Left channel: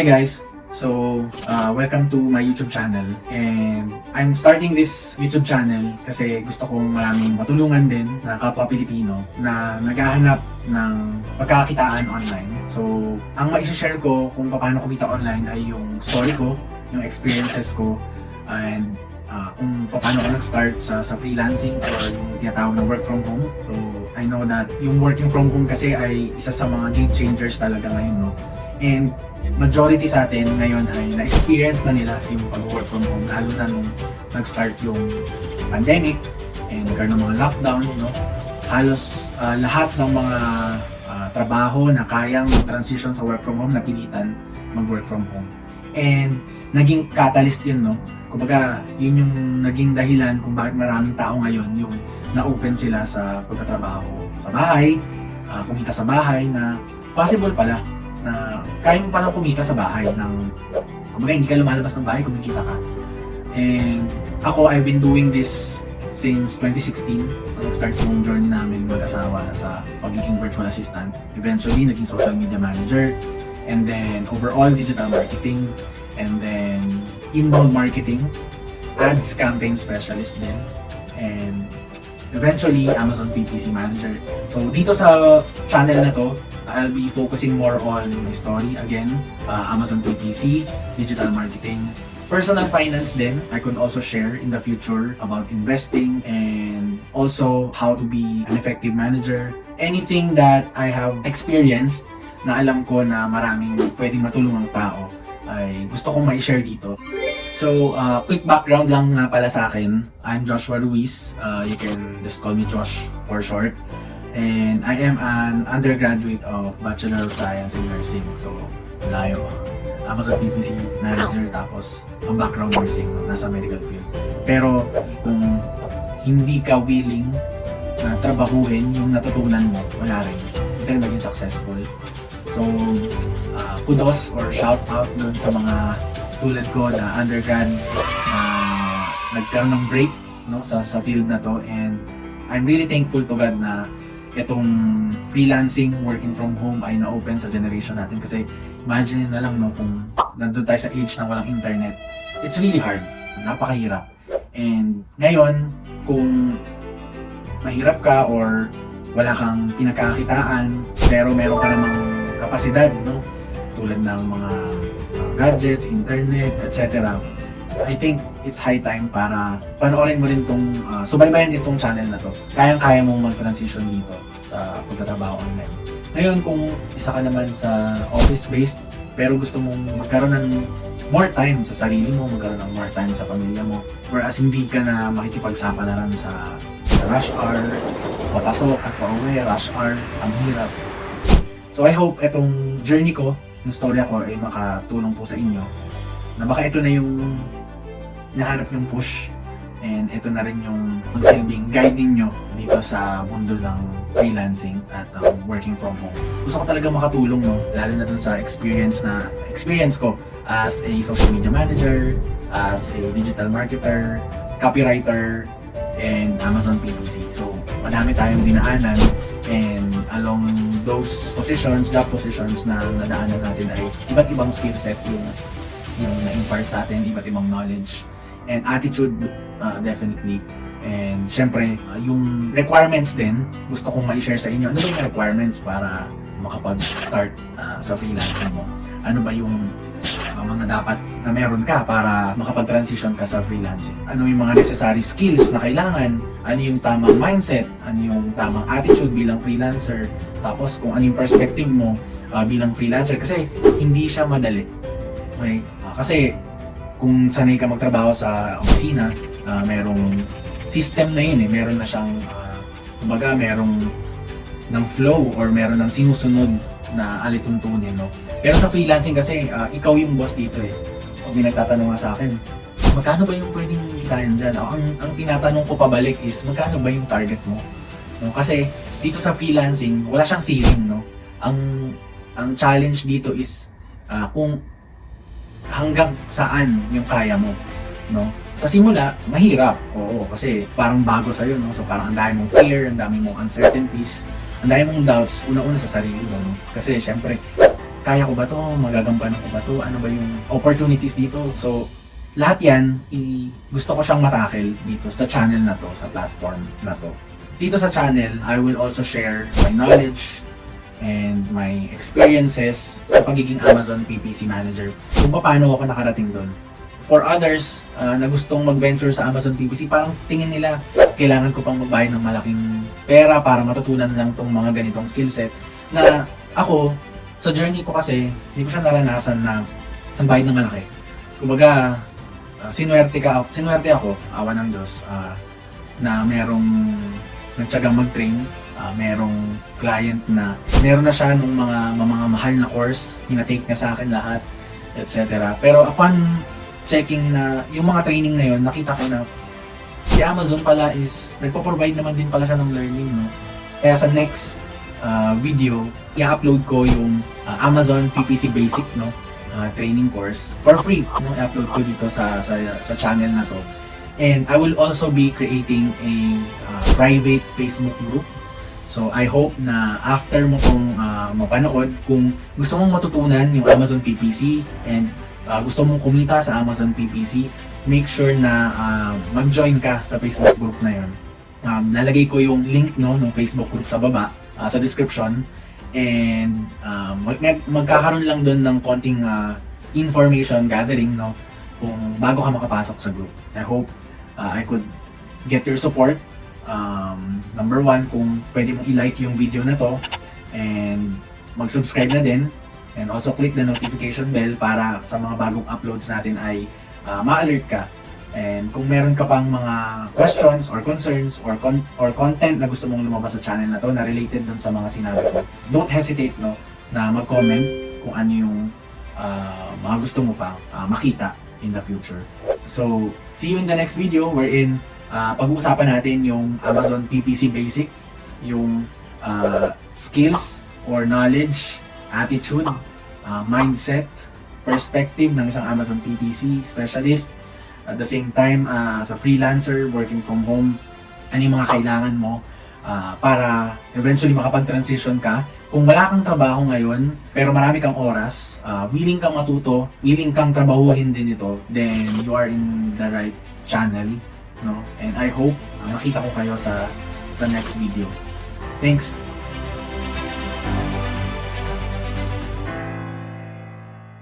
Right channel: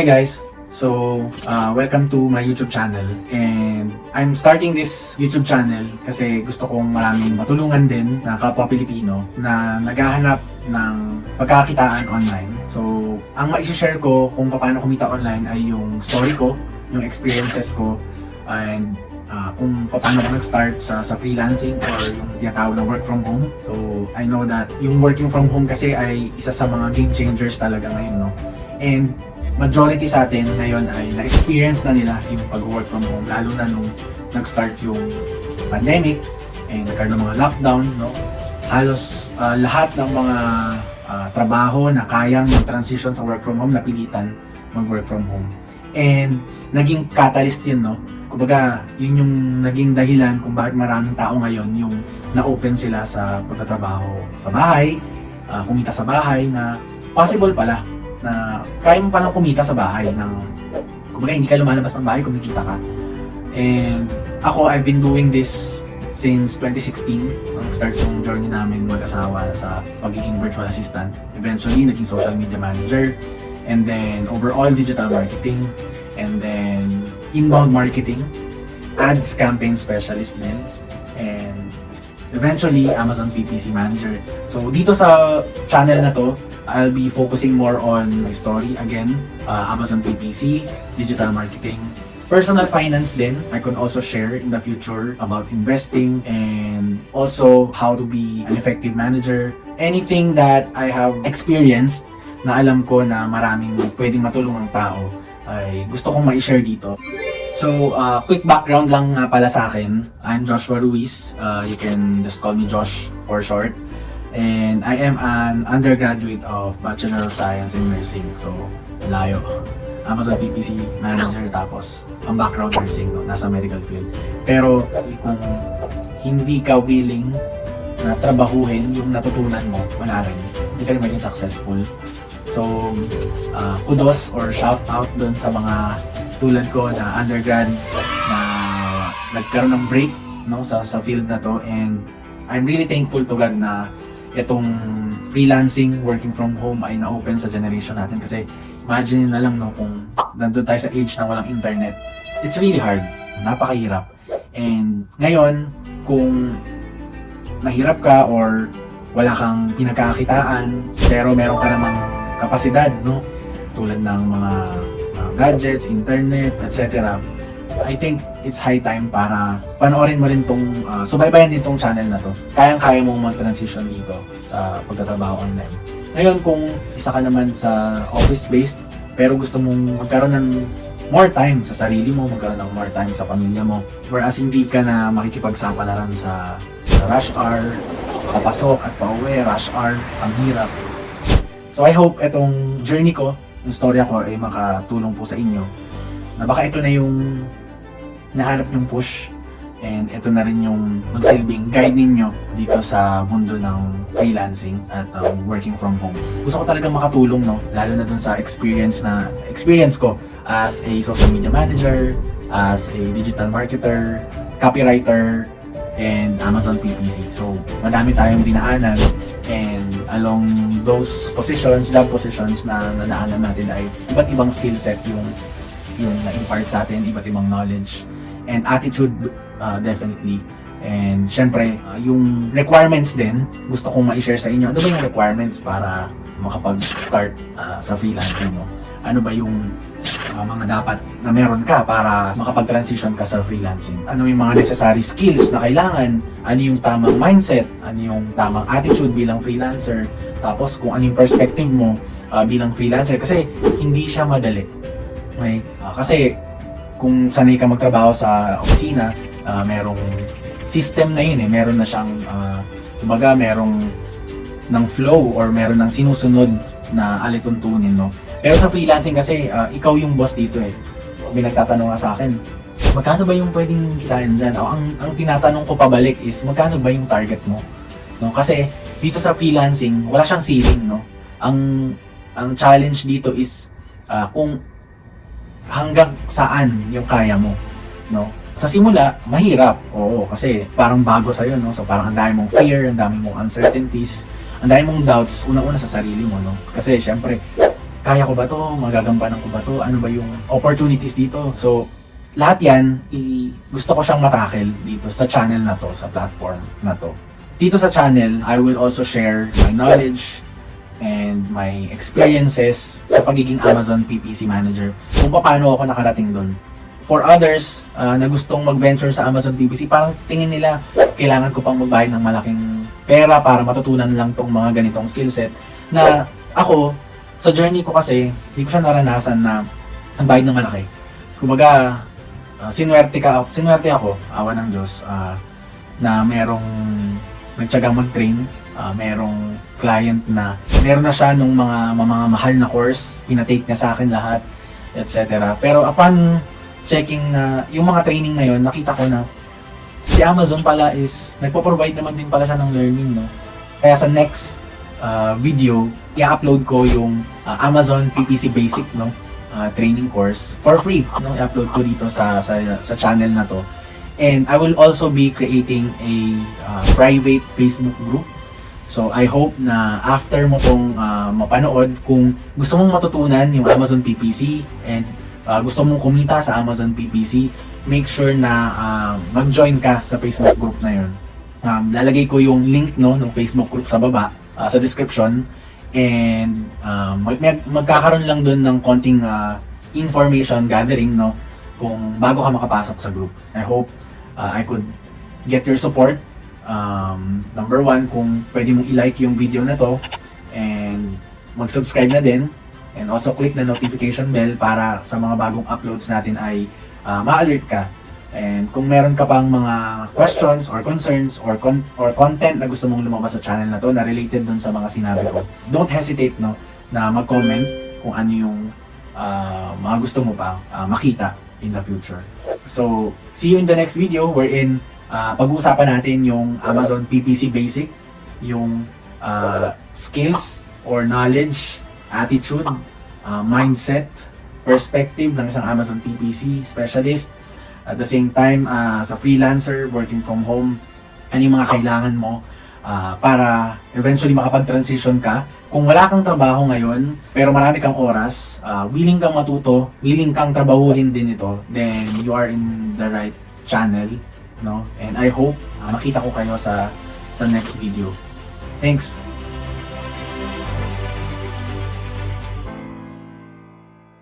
Hi guys! Welcome to my YouTube channel, and I'm starting this YouTube channel kasi gusto kong maraming matulungan din na kapwa Pilipino na naghahanap ng pagkakitaan online. So, ang ma-share ko kung paano kumita online ay yung story ko, yung experiences ko, and kung paano ko nag-start sa freelancing or yung tinatawag na work from home. So, I know that yung working from home kasi ay isa sa mga game changers talaga ngayon, no? And majority sa atin ngayon ay na-experience na nila yung pag-work from home, lalo na nung nag-start yung pandemic and nagkaroon ng mga lockdown, no? Halos lahat ng mga trabaho na kayang mag-transition sa work from home, napilitan mag-work from home. And naging catalyst yun, no? Kumbaga, yun yung naging dahilan kung bakit maraming tao ngayon yung na-open sila sa pagtatrabaho sa bahay, kumita sa bahay, na possible pala na kaya mo palang kumita sa bahay ng, kumbaga hindi ka lumalabas ng bahay, kumikita ka. And ako, I've been doing this since 2016 nung start yung journey namin mag-asawa sa pagiging virtual assistant. Eventually, naging social media manager, and then overall digital marketing, and then inbound marketing, ads campaign specialist din, and eventually Amazon PPC manager. So dito sa channel na to, I'll be focusing more on my story again, Amazon PPC, digital marketing, personal finance din. I could also share in the future about investing and also how to be an effective manager. Anything that I have experienced na alam ko na maraming pwedeng matulungang tao ay gusto kong ma-share dito. So, quick background lang nga pala sa akin. I'm Joshua Ruiz. You can just call me Josh for short. And I am an undergraduate of Bachelor of Science in Nursing. So, layo. Amazon PPC manager, tapos ang background nursing, no? Nasa medical field. Pero kung hindi ka willing na trabahuhin yung natutunan mo, wala rin. Hindi ka rin maging successful. So, kudos or shout out dun sa mga tulad ko na undergrad na nagkaroon ng break, no, sa field na to. And I'm really thankful to God na itong freelancing, working from home ay na-open sa generation natin. Kasi imagine na lang, no, kung nandun tayo sa age na walang internet, it's really hard, napakahirap. And ngayon, kung mahirap ka or wala kang pinagkakakitaan pero meron ka namang kapasidad, no, tulad ng mga gadgets, internet, etc., I think it's high time para panoorin mo rin tong, subaybayan din tong channel na to. Kayang-kaya mong mag-transition dito sa pagtatrabaho online. Ngayon, kung isa ka naman sa office-based, pero gusto mong magkaroon ng more time sa sarili mo, magkaroon ng more time sa pamilya mo, whereas hindi ka na makikipagsapalaran sa rush hour, papasok at pauwi, rush hour, ang hirap. So I hope itong journey ko, yung storya ko ay makatulong po sa inyo, na baka ito na yung nahanap yung push, and ito na rin yung magsilbing guide ninyo dito sa mundo ng freelancing at working from home. Gusto ko talaga makatulong, no, lalo na dun sa experience ko as a social media manager, as a digital marketer, copywriter, and Amazon PPC. So madami tayong dinaanan, and along those positions, job positions na nadaanan natin ay iba't ibang skill set yung na-impart sa atin, iba't ibang knowledge and attitude, definitely. And syempre, yung requirements din, gusto kong ma-share sa inyo. Ano ba yung requirements para makapag-start sa freelancing mo? Ano ba yung mga dapat na meron ka para makapag-transition ka sa freelancing? Ano yung mga necessary skills na kailangan? Ano yung tamang mindset? Ano yung tamang attitude bilang freelancer? Tapos kung ano yung perspective mo bilang freelancer, kasi hindi siya madali. Okay? Kasi kung sanay ka magtrabaho sa opisina, merong system na yun, meron na siyang kumbaga merong ng flow or meron ng sinusunod na alituntunin, no? Pero sa freelancing kasi ikaw yung boss dito eh. Pag may nagtatanong nga sa akin, magkano ba yung pwedeng kitain dyan? Ang tinatanong ko pabalik is, magkano ba yung target mo? No? Kasi dito sa freelancing, wala siyang ceiling, no? Ang challenge dito is kung hanggang saan yung kaya mo, no? Sa simula, mahirap. Oo, kasi parang bago sa'yo, no? So parang ang dami mong fear, ang dami mong uncertainties, ang dami mong doubts, una-una sa sarili mo, no? Kasi syempre, kaya ko ba to? Magagambanan ko ba to? Ano ba yung opportunities dito? So, lahat yan, gusto ko siyang matakel dito sa channel na to, sa platform na to. Dito sa channel, I will also share my knowledge and my experiences sa pagiging Amazon PPC manager. Kung paano ako nakarating doon. For others na gustong mag-venture sa Amazon PPC, parang tingin nila, kailangan ko pang magbayad ng malaking pera para matutunan lang tong mga ganitong skill set. Na ako, sa journey ko kasi, hindi ko siya naranasan na nagbayad ng malaki. Kumbaga, sinwerte ako, awa ng Diyos, na merong nagtsagang mag-train, merong client na meron na siya nung mga mahal na course, ina-take na sa akin lahat, etc. Pero upon checking na yung mga training na yun, nakita ko na si Amazon pala is nagpo-provide naman din pala siya ng learning, no? Kaya sa next video, i-upload ko yung Amazon PPC Basic, no? Training course for free, no? I-upload ko dito sa channel na to. And I will also be creating a private Facebook group. So I hope na after mo tong mapanood, kung gusto mong matutunan yung Amazon PPC and gusto mong kumita sa Amazon PPC, make sure na mag-join ka sa Facebook group na yun. Lalagay ko yung link, no, ng Facebook group sa baba, sa description. And magkakaroon lang doon ng konting information gathering, no, kung bago ka makapasok sa group. I hope I could get your support. Number one, kung pwede mong i-like yung video na to and mag-subscribe na din. And also click the notification bell para sa mga bagong uploads natin ay ma-alert ka. And kung meron ka pang mga questions or concerns or content na gusto mong lumabas sa channel na to na related dun sa mga sinabi ko, don't hesitate, no, na mag-comment kung ano yung mga gusto mo pang makita in the future. So, see you in the next video wherein pag-uusapan natin yung Amazon PPC Basic, yung skills or knowledge, attitude, mindset, perspective ng isang Amazon PPC specialist. At the same time, as a freelancer, working from home, ano yung mga kailangan mo para eventually makapag-transition ka. Kung wala kang trabaho ngayon, pero marami kang oras, willing kang matuto, willing kang trabahuhin din ito, then you are in the right channel, no? And I hope makita ko kayo sa next video. Thanks!